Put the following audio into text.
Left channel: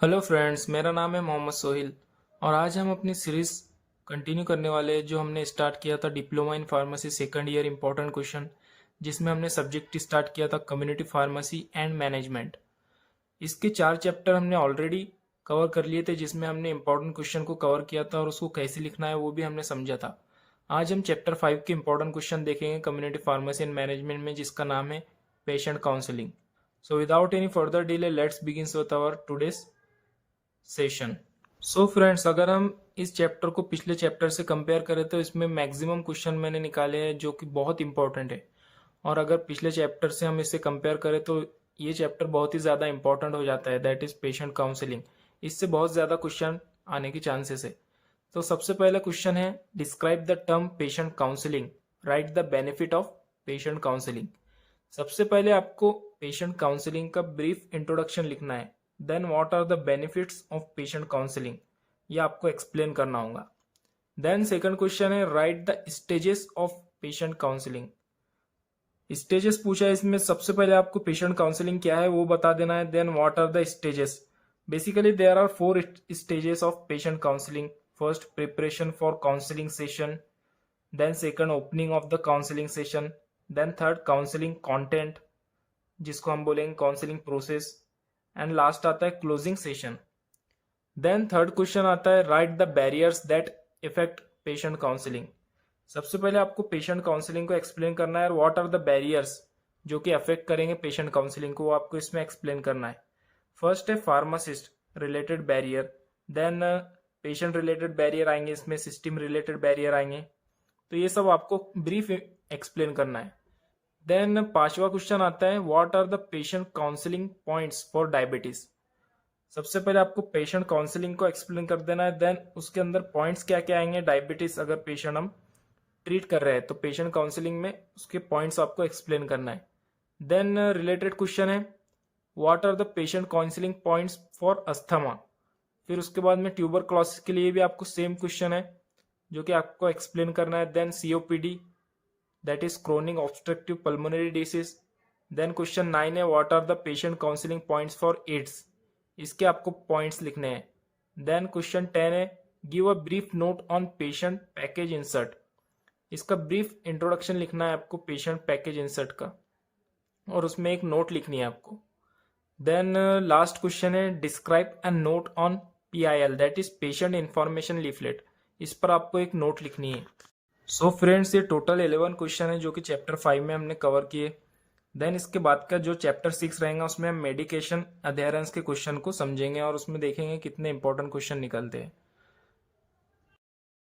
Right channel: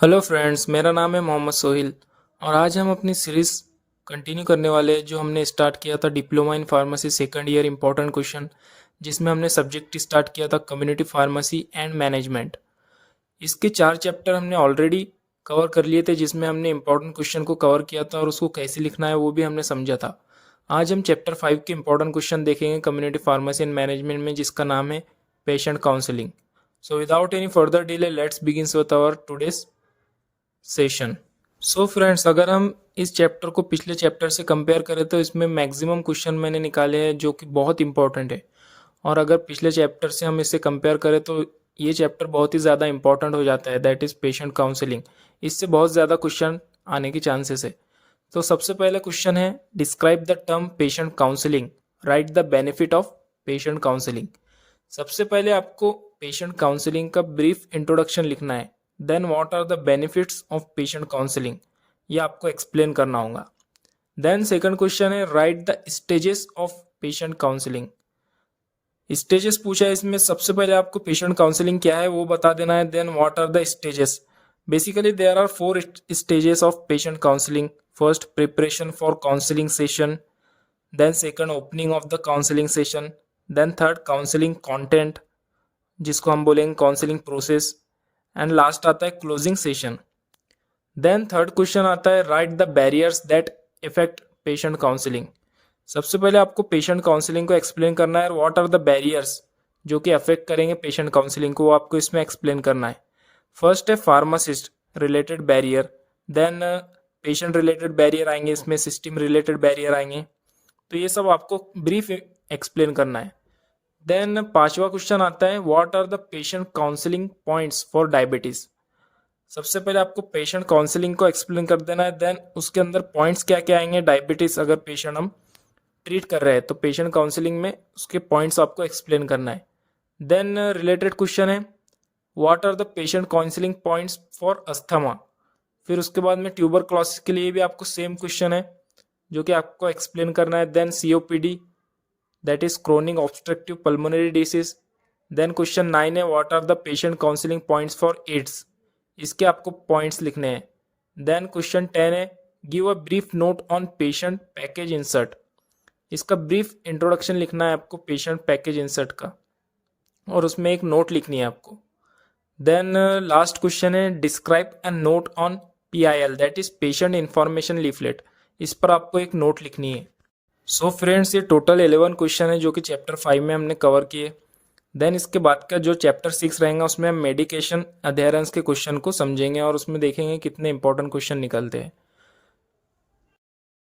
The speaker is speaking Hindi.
हेलो फ्रेंड्स, मेरा नाम है मोहम्मद सोहिल और आज हम अपनी सीरीज़ कंटिन्यू करने वाले हैं जो हमने स्टार्ट किया था diploma in pharmacy second year important question, जिसमें हमने सब्जेक्ट स्टार्ट किया था कम्युनिटी फार्मेसी एंड मैनेजमेंट। इसके 4 चैप्टर हमने ऑलरेडी कवर कर लिए थे, जिसमें हमने इंपॉर्टेंट क्वेश्चन को कवर किया था और उसको कैसे लिखना है वो भी हमने समझा था। आज हम चैप्टर 5 के इंपॉर्टेंट क्वेश्चन देखेंगे कम्युनिटी फार्मेसी एंड मैनेजमेंट में, जिसका नाम है patient counselling. So without any further delay let's begin with our today's session. So friends, अगर हम इस चैप्टर को पिछले चैप्टर से कंपेयर करें तो इसमें मैक्सिमम क्वेश्चन मैंने निकाले हैं जो कि बहुत इंपॉर्टेंट है। और अगर पिछले चैप्टर से हम इसे कंपेयर करें तो ये चैप्टर बहुत ही ज़्यादा इंपॉर्टेंट हो जाता है, दैट इज़ पेशेंट काउंसलिंग। इससे बहुत ज़्यादा क्वेश्चन आने के चांसेस है। तो सबसे पहले क्वेश्चन है, describe the term patient counselling, write the benefit of patient counselling. सबसे पहले आपको पेशेंट काउंसलिंग का ब्रीफ इंट्रोडक्शन लिखना है। Then what are the benefits of patient counselling, ये आपको एक्सप्लेन करना होगा। देन सेकंड क्वेश्चन है, write the stages of patient counselling. Stages पूछा है इसमें, सबसे पहले आपको पेशेंट काउंसलिंग क्या है वो बता देना है। Then what are the stages. Basically there are 4 stages of patient counselling. First, preparation for counselling session. Then second, opening of the counselling session. Then third, counselling content, जिसको हम बोलेंगे काउंसलिंग प्रोसेस। एंड लास्ट आता है closing session. Then third question आता है, write the barriers that affect patient counselling. सबसे पहले आपको पेशेंट काउंसलिंग को एक्सप्लेन करना है। व्हाट आर द बैरियर्स जो कि अफेक्ट करेंगे पेशेंट काउंसलिंग को, वो आपको इसमें एक्सप्लेन करना है। फर्स्ट है pharmacist related barrier. Then patient related barrier आएंगे, इसमें सिस्टम रिलेटेड बैरियर आएंगे। तो ये सब आपको ब्रीफ एक्सप्लेन करना है। देन पांचवा क्वेश्चन आता है, what are the patient counselling points for diabetes. सबसे पहले आपको पेशेंट काउंसलिंग को एक्सप्लेन कर देना है। देन उसके अंदर पॉइंट्स क्या क्या आएंगे डायबिटीज अगर पेशेंट हम ट्रीट कर रहे हैं तो पेशेंट काउंसलिंग में उसके पॉइंट्स आपको एक्सप्लेन करना है। देन रिलेटेड क्वेश्चन है, what are the patient counselling points for asthma. फिर उसके बाद में ट्यूबरक्लोसिस के लिए भी आपको सेम क्वेश्चन है जो कि आपको एक्सप्लेन करना है। Then COPD, that is chronic obstructive pulmonary disease. Then question 9 है, what are the patient counselling points for AIDS. इसके आपको पॉइंट्स लिखने हैं। देन क्वेश्चन 10 है, give a brief note on patient package insert. इसका ब्रीफ इंट्रोडक्शन लिखना है आपको पेशेंट पैकेज इंसर्ट का, और उसमें एक नोट लिखनी है आपको। देन लास्ट क्वेश्चन है, describe and note on PIL, that is patient information leaflet. इस पर आपको एक नोट लिखनी है। सो फ्रेंड्स, ये टोटल 11 क्वेश्चन है जो कि चैप्टर 5 में हमने कवर किए। देन इसके बाद का जो चैप्टर 6 रहेगा उसमें हम मेडिकेशन अधेरेंस के क्वेश्चन को समझेंगे और उसमें देखेंगे कितने इंपॉर्टेंट क्वेश्चन निकलते हैं।